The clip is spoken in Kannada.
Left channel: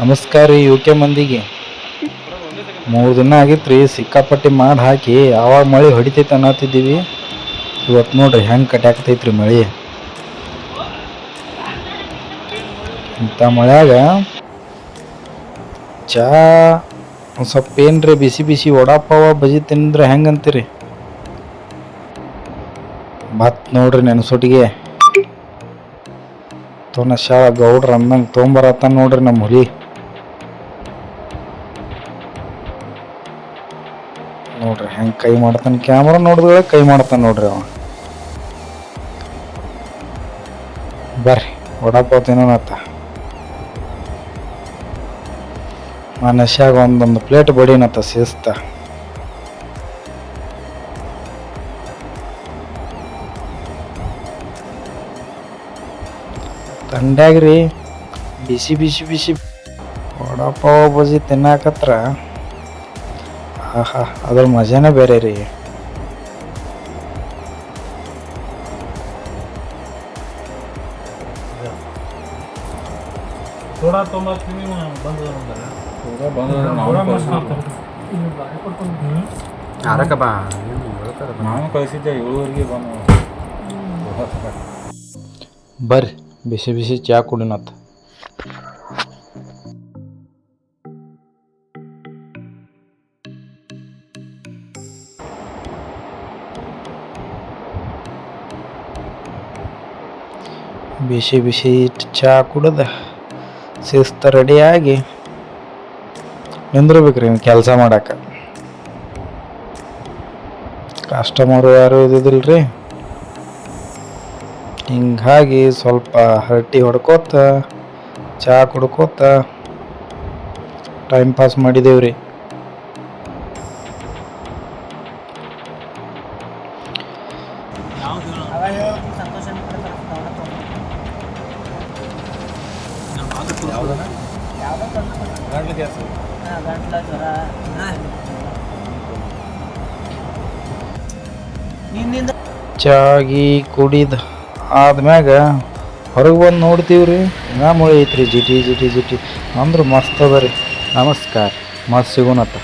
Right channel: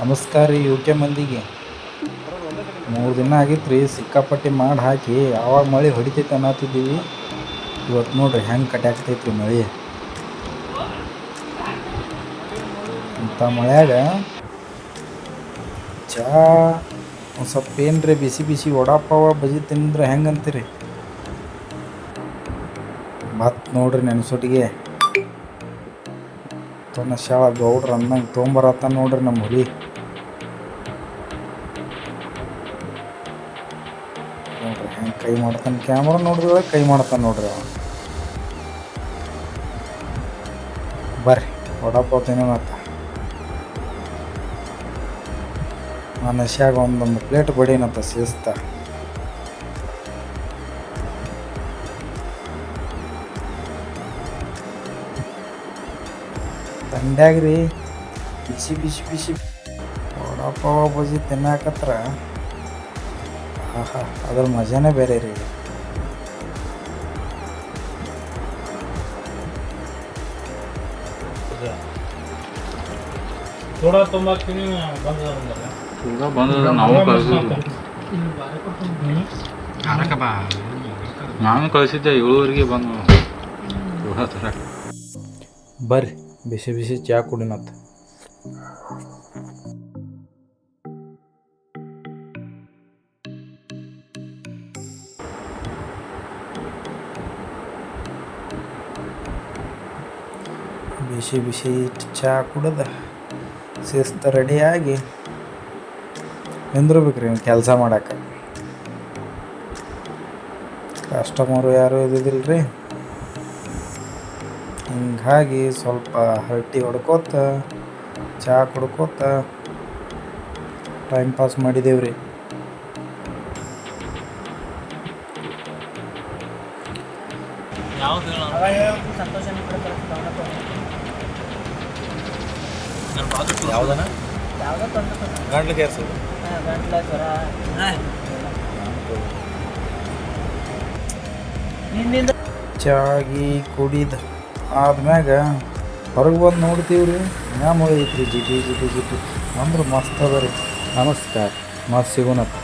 ನಮಸ್ಕಾರ ರೀ ಯು ಕೆ ಮಂದಿಗೆ. ಮೂರು ದಿನ ಆಗಿತ್ತು ರೀ, ಸಿಕ್ಕಾಪಟ್ಟಿ ಮಾಡಿ ಹಾಕಿ ಯಾವಾಗ ಮಳೆ ಹೊಡಿತೈತೆ ಅನ್ನತ್ತಿದ್ದೀವಿ. ಇವತ್ತು ನೋಡ್ರಿ, ಹೆಂಗೆ ಕಟ್ಟಾಕ್ತೈತೆ ರೀ ಮಳೆ. ಇಂಥ ಮಳೆಯಾಗ ಚಾ ಒಂದು ಸ್ವಲ್ಪ ಏನ್ರಿ, ಬಿಸಿ ಬಿಸಿ ವಡಾಪಾವ ಬಜಿ ತಿಂದ್ರೆ ಹೆಂಗೆ ಅಂತೀರಿ? ಮತ್ ನೋಡ್ರಿ ನೆನಸೊಟ್ಟಿಗೆ. ತೋನ ಶಾಳ ಗೌಡ್ರ ಅಂದಂಗೆ ತೊಗೊಂಬರತ್ತ ನೋಡ್ರಿ ನಮ್ಮ ಹುಲಿ. ನೋಡ್ರಿ, ಹೆಂಗೆ ಕೈ ಮಾಡ್ತಾನೆ ಕ್ಯಾಮ್ರಾ ನೋಡಿದ್ರೆ ಕೈ ಮಾಡ್ತಾನೆ ನೋಡ್ರಿ ಅವ ಬರ್ರಿ ತಿನ್ನೋಣತ್ತ ಆ ನಶ್ಯಾಗ ಒಂದೊಂದು ಪ್ಲೇಟ್ ಬಡಿನತ್ತ ಸೇಸ್ತ. ತಂಡ್ಯಾಗ್ರಿ, ಬಿಸಿ ಬಿಸಿ ಬಿಸಿ. ವಡಾಪಾವ್ ಬಜಿ ತಿನ್ನಾಕತ್ರ. ಆಹಾ ಅದ್ರ ಮಜಾನೇ ಬೇರೆ ರೀ. ನಾನು ಕಳಿಸಿದ್ದೆ ಏಳುವರೆಗೆ ಬಂದು. ಬರ್ರಿ ಬಿಸಿ ಬಿಸಿ ಚಾ ಕುಡಿನತ್ತ. ಬಿಸಿ ಬಿಸಿ ಚಹಾ ಕುಡ್ದ ಶಿಸ್ತ ರೆಡಿಯಾಗಿ ನಿಂದ್ರಬೇಕ್ರಿ ಕೆಲಸ ಮಾಡಕ್ಕೆ ಕಸ್ಟಮರು ಯಾರು ಇದ್ದಿದ್ದಿಲ್ರಿ? ಹಿಂಗಾಗಿ ಸ್ವಲ್ಪ ಹರಟಿ ಹೊಡ್ಕೋತ ಚಹಾ ಕುಡ್ಕೋತ ಟೈಮ್ ಪಾಸ್ ಮಾಡಿದೇವ್ರಿ. ಯಾವ್ದು ಯಾವ್ದನ? ಗಂಟ್ಲು ಕೇರ್ಸ ಚಾಗಿ ಕುಡಿದ ಆದ್ಮ್ಯಾಗ ಹೊರಗೆ ಬಂದು ನೋಡ್ತೀವ್ರಿ ನಾ ಮಳೆ ಐತ್ರಿ ಜಿಟಿ ಜಿಟಿ ಜಿಟಿ. ಅಂದ್ರೆ ಮಸ್ತ್ ಅದ ರೀ. ನಮಸ್ಕಾರ. ಮಸ್ತ್ ಸಿಗೋಣತ್ತ